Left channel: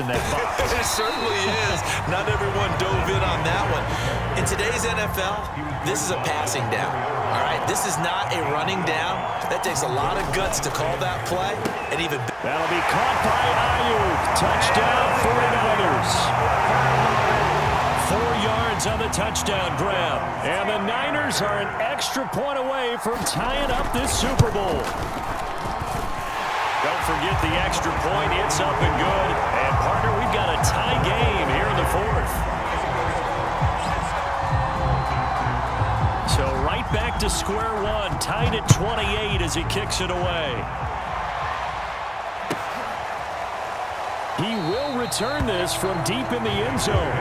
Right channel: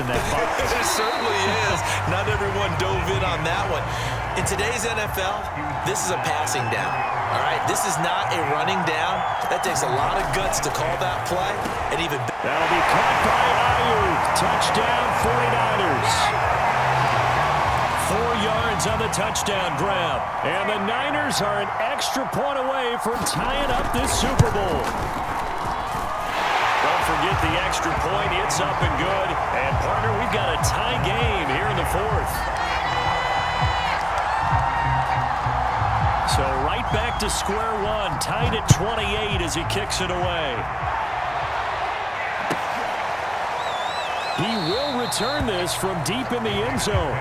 in that box. It certainly is. Not everyone dove in on that one. In today's NFL, this is a passing down. All right, this is not a running down. That takes a lot of guts to call that play. And even that'll be caught by Ayuk. Touchdown 49ers. 4 yards on the touchdown grab. And the Niners are an extra point away from tying up this Super Bowl. Don't forget the extra point. It's up and good. And, partner, we've got a tie game here in the fourth. So right back to square one. Tied at 28 as he kicks it away. He will return this from deep in the end zone.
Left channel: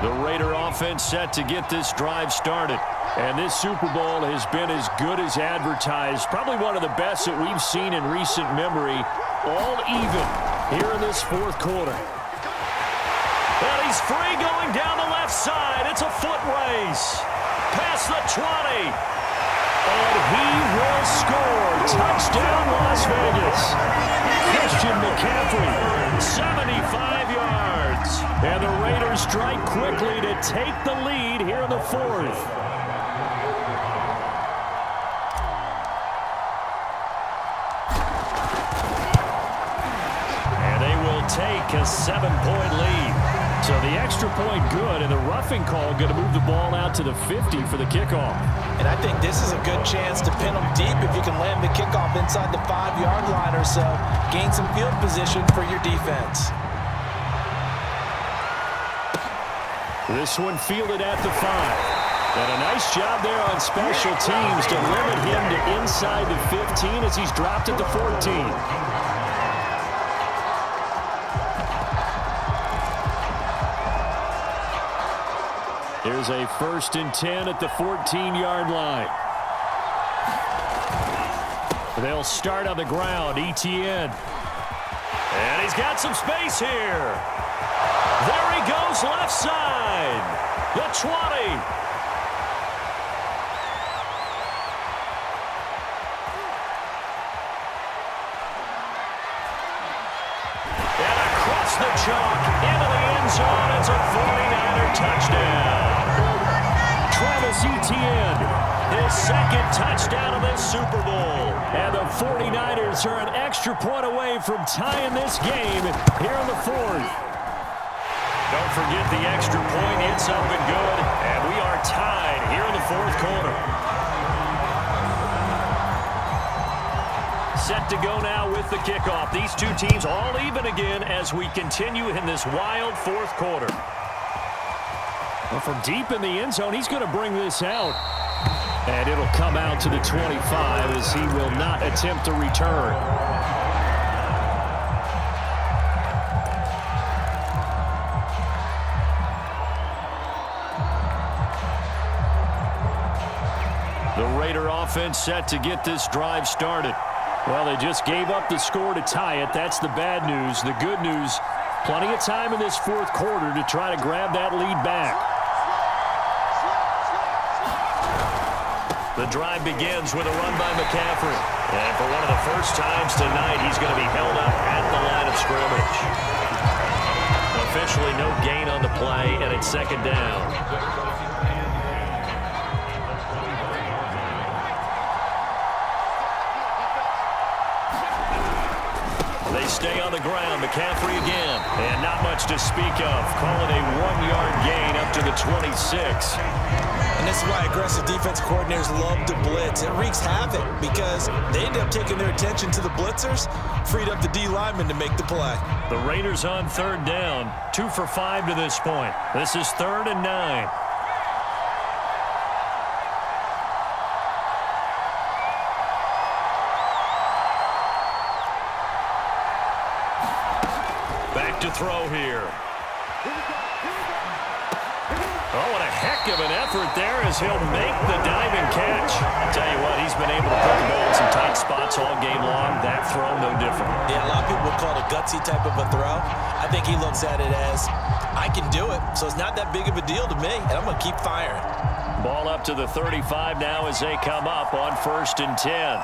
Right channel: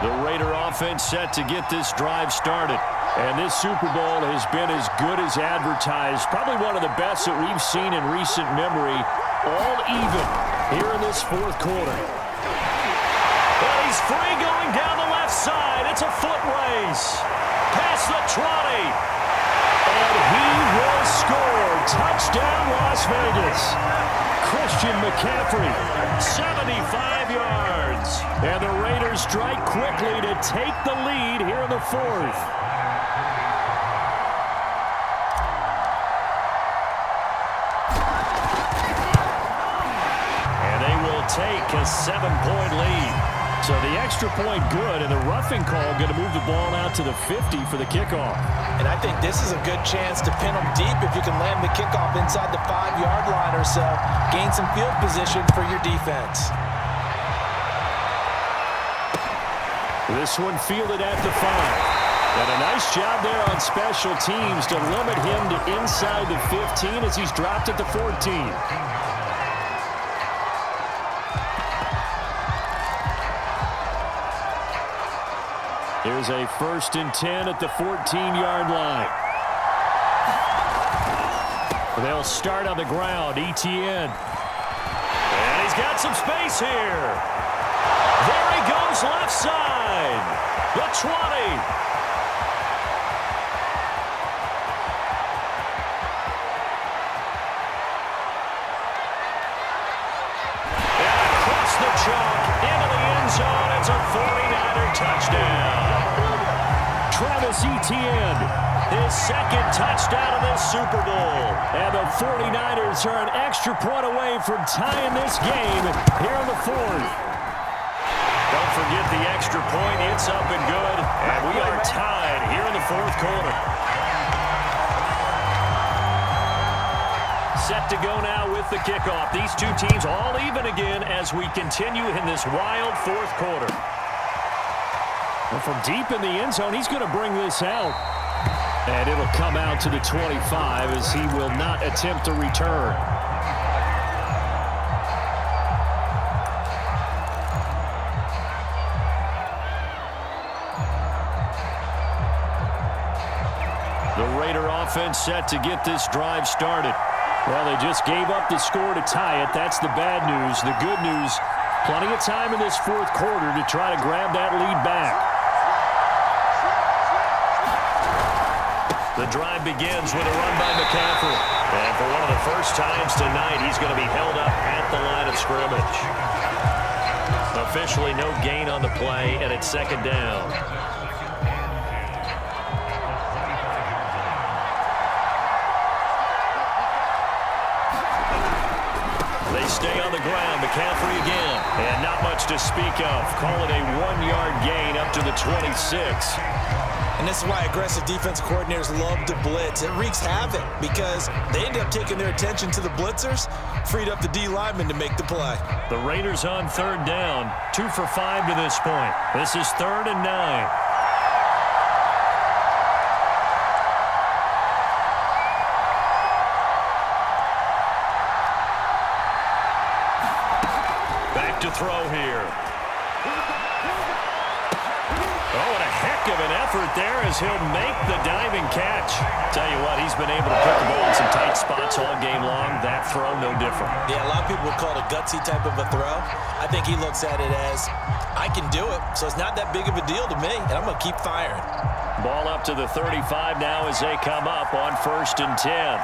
The Raider offense set to get this drive started. And this Super Bowl has been as good as advertised. Probably one of the best that we've seen in recent memory. All even here in this fourth quarter. And he's free going down the left side. It's a foot race. Past the 20. And he will score. Touchdown, Las Vegas. Christian McCaffrey, 75 yards. And the Raiders strike quickly to take the lead here in the fourth. And they will take a 7-point lead. So the extra point good, and the roughing call going to move the ball out to the 50 for the kickoff. And I think this is a good chance to pin them deep if you can land the kickoff inside the 5-yard line or so. Gain some field position for your defense. This one fielded at the 5. And a nice job there on special teams to limit him to inside the 15 as he's dropped at the 14. Here's a 1st and 10 at the 14-yard line. They'll start on the ground. Etienne. And he's got some space here. There he goes left side. The 20. And across the chalk into the end zone. It's a 49er touchdown. Travis Etienne, his 2nd touchdown of this Super Bowl. And the 49ers are an extra point away from tying this game here in the fourth. Don't forget the extra point. It's up and good. And we are tied here in the fourth quarter. Set to go now with the kickoff. These two teams all even again as we continue in this wild fourth quarter. Well, from deep in the end zone, he's going to bring this out. And it'll come out to the 25 as he will not attempt to return. The Raider offense set to get this drive started. Well, they just gave up the score to tie it. That's the bad news. The good news, plenty of time in this fourth quarter to try to grab that lead back. The drive begins with a run by McCaffrey. And for one of the first times tonight, he's going to be held up at the line of scrimmage. Officially no gain on the play, and it's 2nd down. They stay on the ground. McCaffrey again. And not much to speak of. Call it a 1-yard gain up to the 26. And this is why aggressive defense coordinators love to blitz. It wreaks havoc because they end up taking their attention to the blitzers, freed up the D lineman to make the play. The Raiders on 3rd down. 2 for 5 to this point. This is 3rd and 9. Back to throw here. Oh, and a heck of an effort there as he'll make the diving catch. Tell you what, he's been able to put the ball in some tight spots all game long. That throw, no different. Yeah, a lot of people would call it a gutsy type of a throw. I think he looks at it as, I can do it, so it's not that big of a deal to me, and I'm going to keep firing. Ball up to the 35 now as they come up on 1st and 10.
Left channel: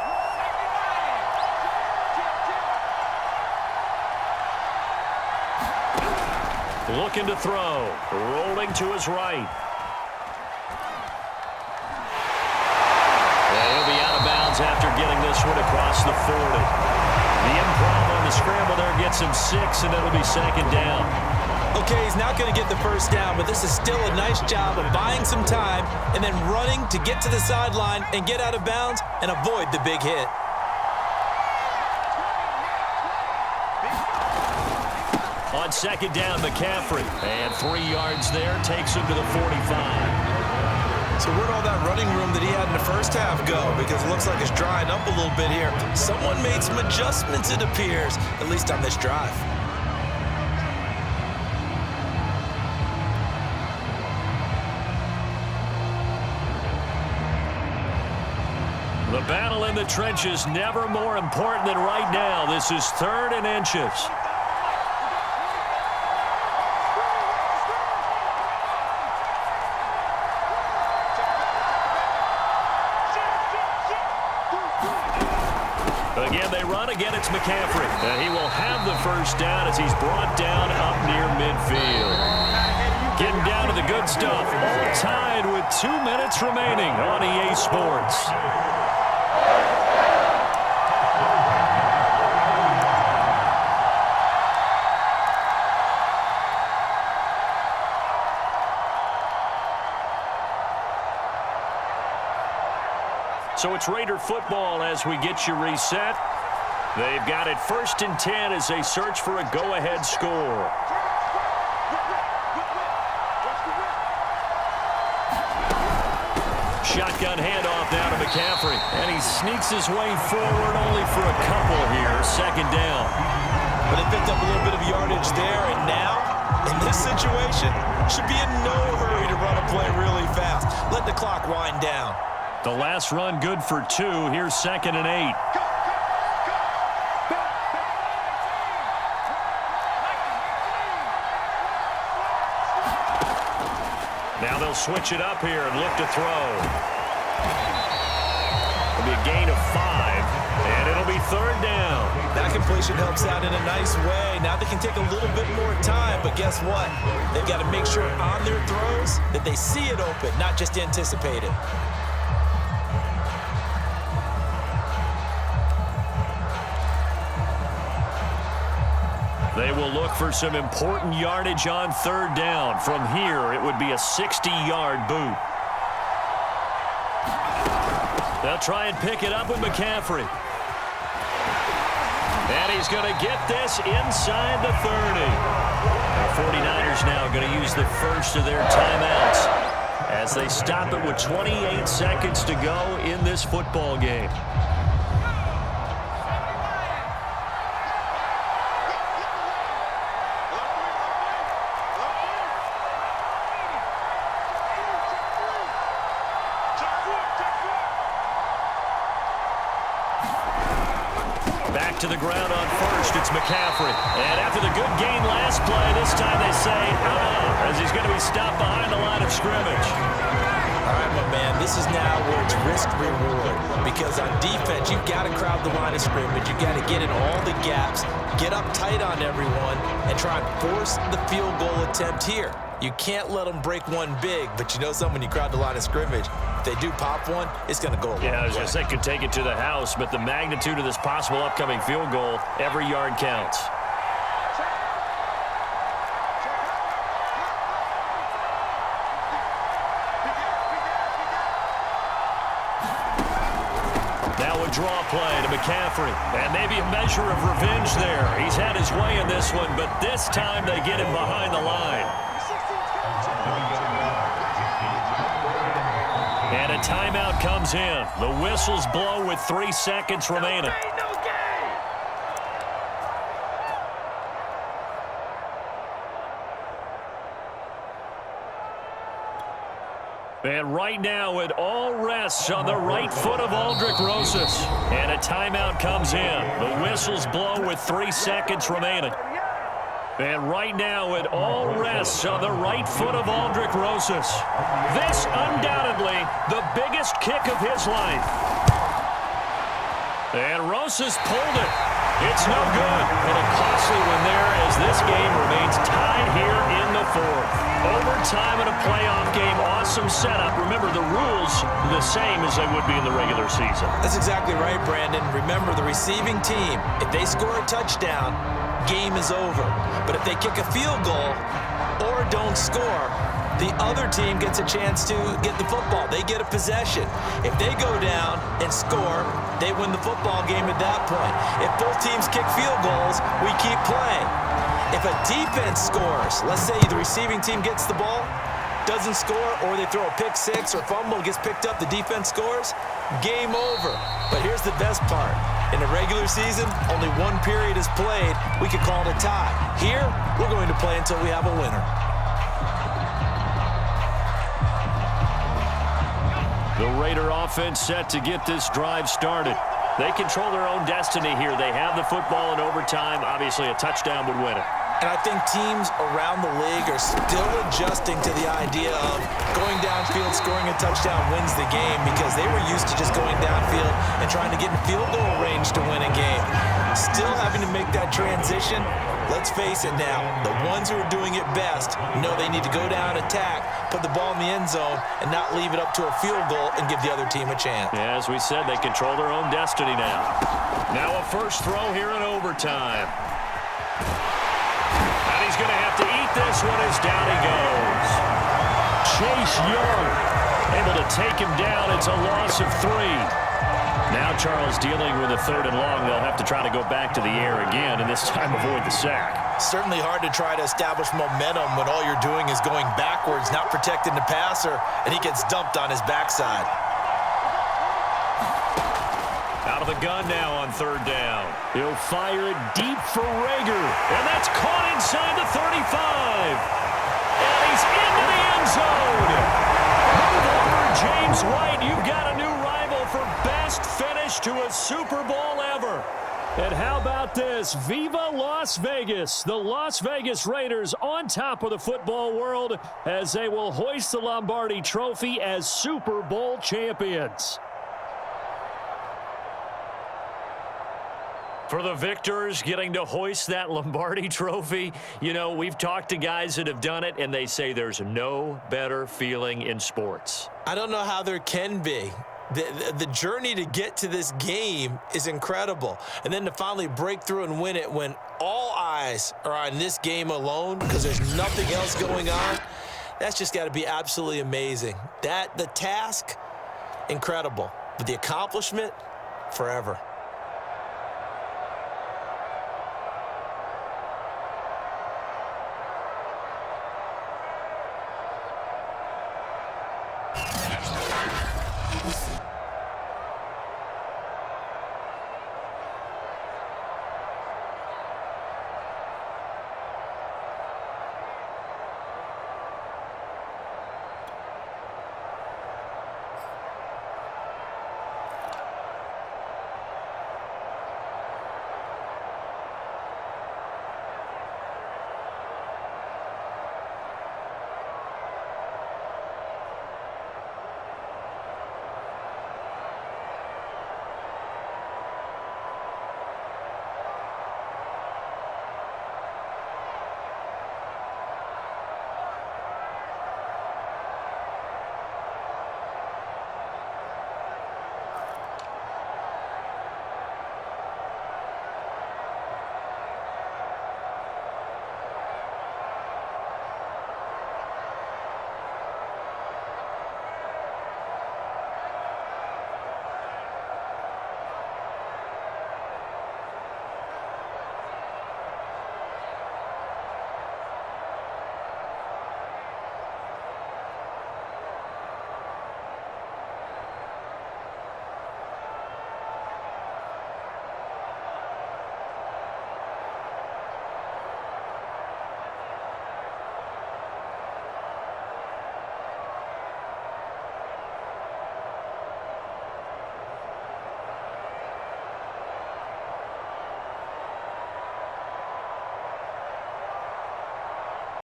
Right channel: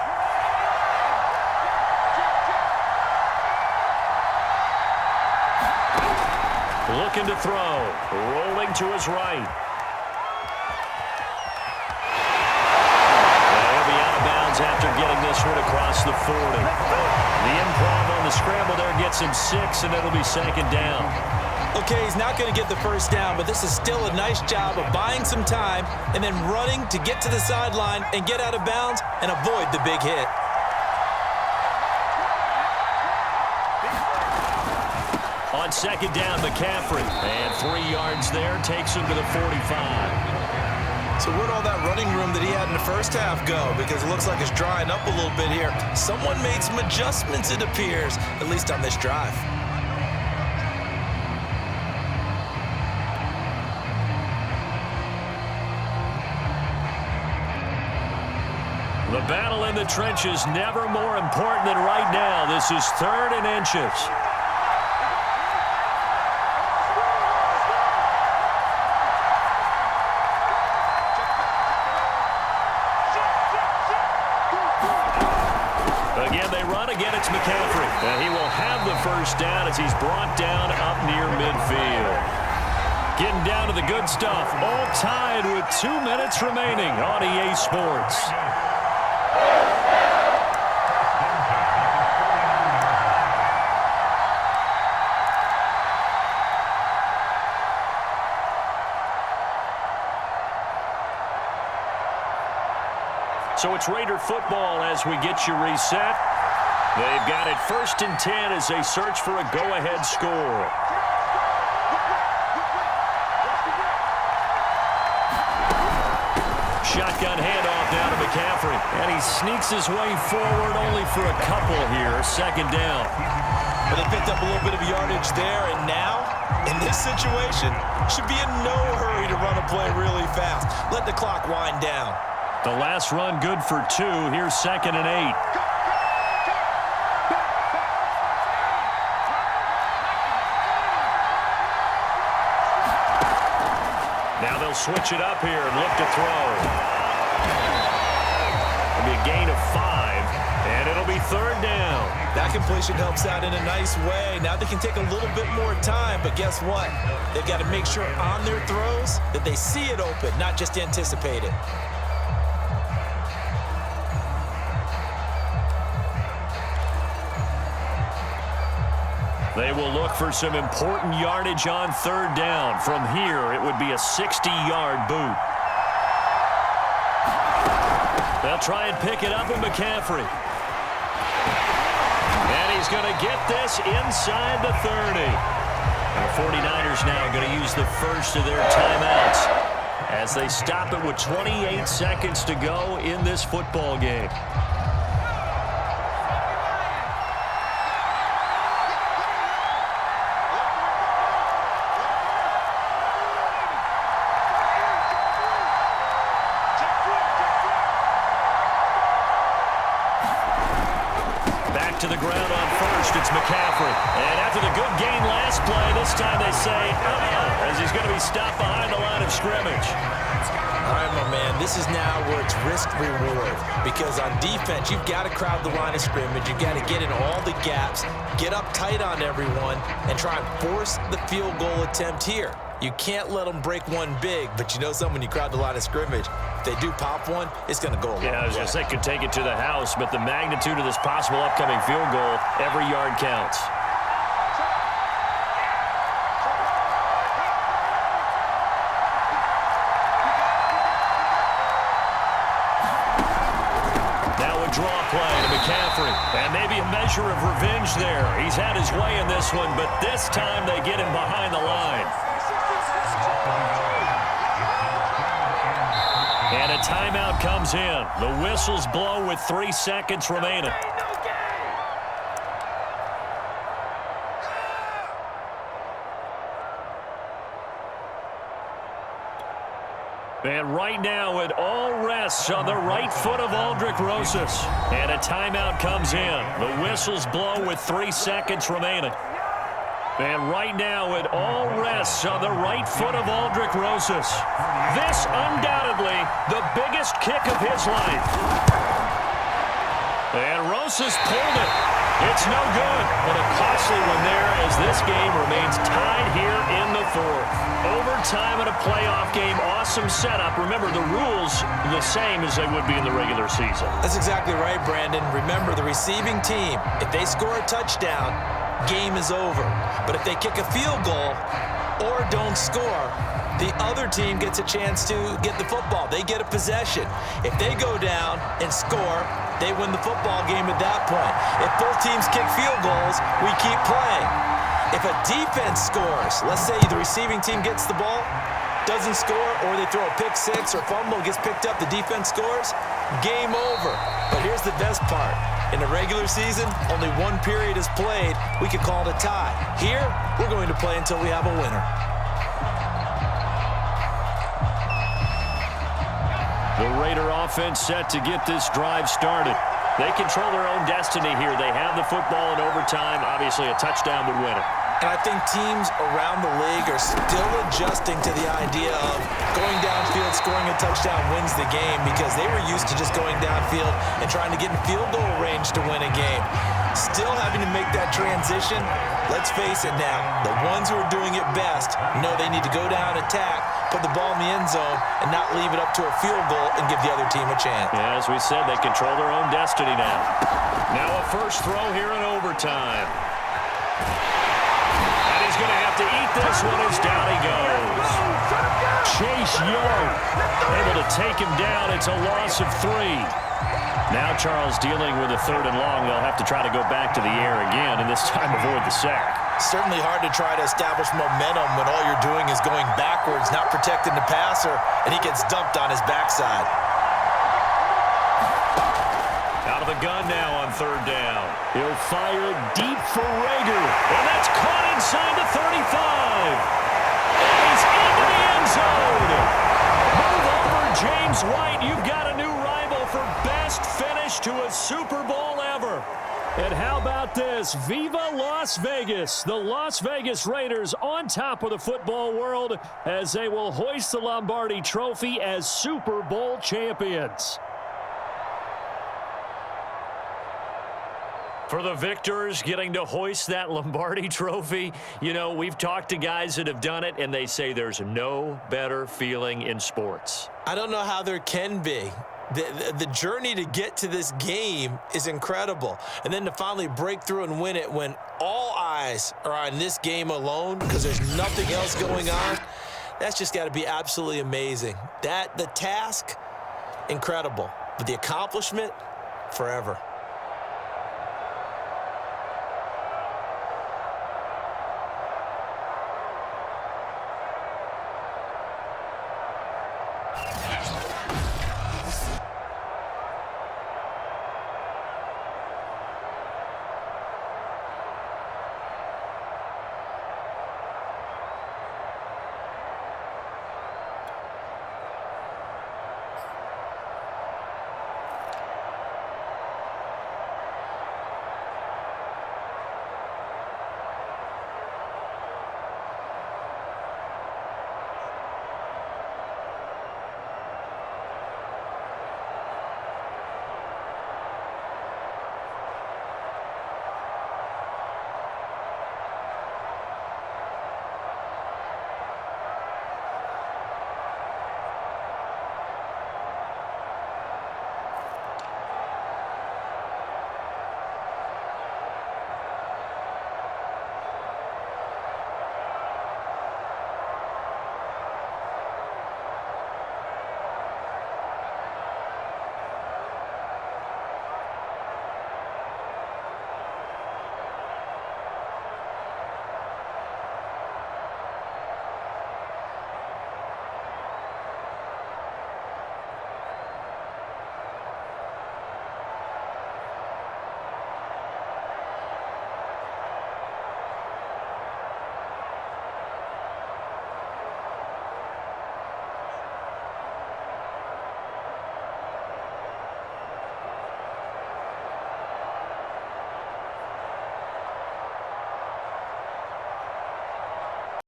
Looking to throw. Rolling to his right. And he'll be out of bounds after getting this one across the 40. The improv on the scramble there gets him 6, and it'll be 2nd down. Okay, he's not going to get the 1st down, but this is still a nice job of buying some time and then running to get to the sideline and get out of bounds and avoid the big hit. On 2nd down, McCaffrey. And 3 yards there, takes him to the 45. So where'd all that running room that he had in the first half go? Because it looks like it's drying up a little bit here. Someone made some adjustments, it appears, at least on this drive. The battle in the trenches never more important than right now. This is 3rd and inches. Again, they run. Again, it's McCaffrey. He will have the 1st down as he's brought down up near midfield. Getting down to the good stuff. All tied with 2 minutes remaining on EA Sports. So it's Raider football as we get you reset. They've got it 1st and 10 as they search for a go-ahead score. Shotgun handoff now to McCaffrey. And he sneaks his way forward only for a couple here. 2nd down. But they picked up a little bit of yardage there, and now, in this situation, should be in no hurry to run a play really fast. Let the clock wind down. The last run good for 2. Here's 2nd and 8. Now they'll switch it up here and look to throw. It'll be a gain of 5, and it'll be 3rd down. That completion helps out in a nice way. Now they can take a little bit more time, but guess what? They've got to make sure on their throws that they see it open, not just anticipate it. They will look for some important yardage on 3rd down. From here, it would be a 60-yard boot. They'll try and pick it up with McCaffrey. And he's going to get this inside the 30. And the 49ers now going to use the first of their timeouts as they stop it with 28 seconds to go in this football game. Back to the ground on 1st, it's McCaffrey. And after the good gain last play, this time they say, as he's going to be stopped behind the line of scrimmage. All right, my man, this is now where it's risk-reward. Because on defense, you've got to crowd the line of scrimmage. You've got to get in all the gaps, get up tight on everyone, and try and force the field goal attempt here. You can't let them break one big, but you know something, when you crowd the line of scrimmage, if they do pop one, it's going to go a long way. Yeah, I was going to say could take it to the house, but the magnitude of this possible upcoming field goal, every yard counts. Now a draw play to McCaffrey, and maybe a measure of revenge there. He's had his way in this one, but this time they get him behind the line. And a timeout comes in. The whistles blow with 3 seconds remaining. And right now, it all rests on the right foot of Aldrick Rosas. And a timeout comes in. The whistles blow with 3 seconds remaining. And right now, it all rests on the right foot of Aldrick Rosas. This, undoubtedly, the biggest kick of his life. And Rosas pulled it. It's no good. And a costly one there as this game remains tied here in the fourth. Overtime in a playoff game. Awesome setup. Remember, the rules the same as they would be in the regular season. That's exactly right, Brandon. Remember, the receiving team, if they score a touchdown, game is over. But if they kick a field goal or don't score, the other team gets a chance to get the football. They get a possession. If they go down and score, they win the football game at that point. If both teams kick field goals, we keep playing. If a defense scores, let's say the receiving team gets the ball, doesn't score, or they throw a pick six or fumble, gets picked up, the defense scores, game over. But here's the best part. In the regular season, only one period is played. We could call it a tie. Here, we're going to play until we have a winner. The Raider offense set to get this drive started. They control their own destiny here. They have the football in overtime. Obviously, a touchdown would win it. And I think teams around the league are still adjusting to the idea of going downfield, scoring a touchdown wins the game, because they were used to just going downfield and trying to get in field goal range to win a game. Still having to make that transition. Let's face it now, the ones who are doing it best know they need to go down, attack, put the ball in the end zone, and not leave it up to a field goal and give the other team a chance. Yeah, as we said, they control their own destiny now. Now a first throw here in overtime. And he's going to have to eat this one as down he goes. Chase Young able to take him down. It's a loss of 3. Now Charles dealing with a 3rd and long. They'll have to try to go back to the air again, and this time avoid the sack. Certainly hard to try to establish momentum when all you're doing is going backwards, not protecting the passer, and he gets dumped on his backside. Out of the gun now on 3rd down. He'll fire it deep for Rager, and that's caught inside the 35. And he's into the end zone. Move over, James White. You've got a new rival for best finish to a Super Bowl ever. And how about this? Viva Las Vegas. The Las Vegas Raiders on top of the football world as they will hoist the Lombardi Trophy as Super Bowl champions. For the victors getting to hoist that Lombardi Trophy, you know, we've talked to guys that have done it, and they say there's no better feeling in sports. I don't know how there can be. The journey to get to this game is incredible. And then to finally break through and win it when all eyes are on this game alone because there's nothing else going on, that's just got to be absolutely amazing. The task, incredible. But the accomplishment, forever.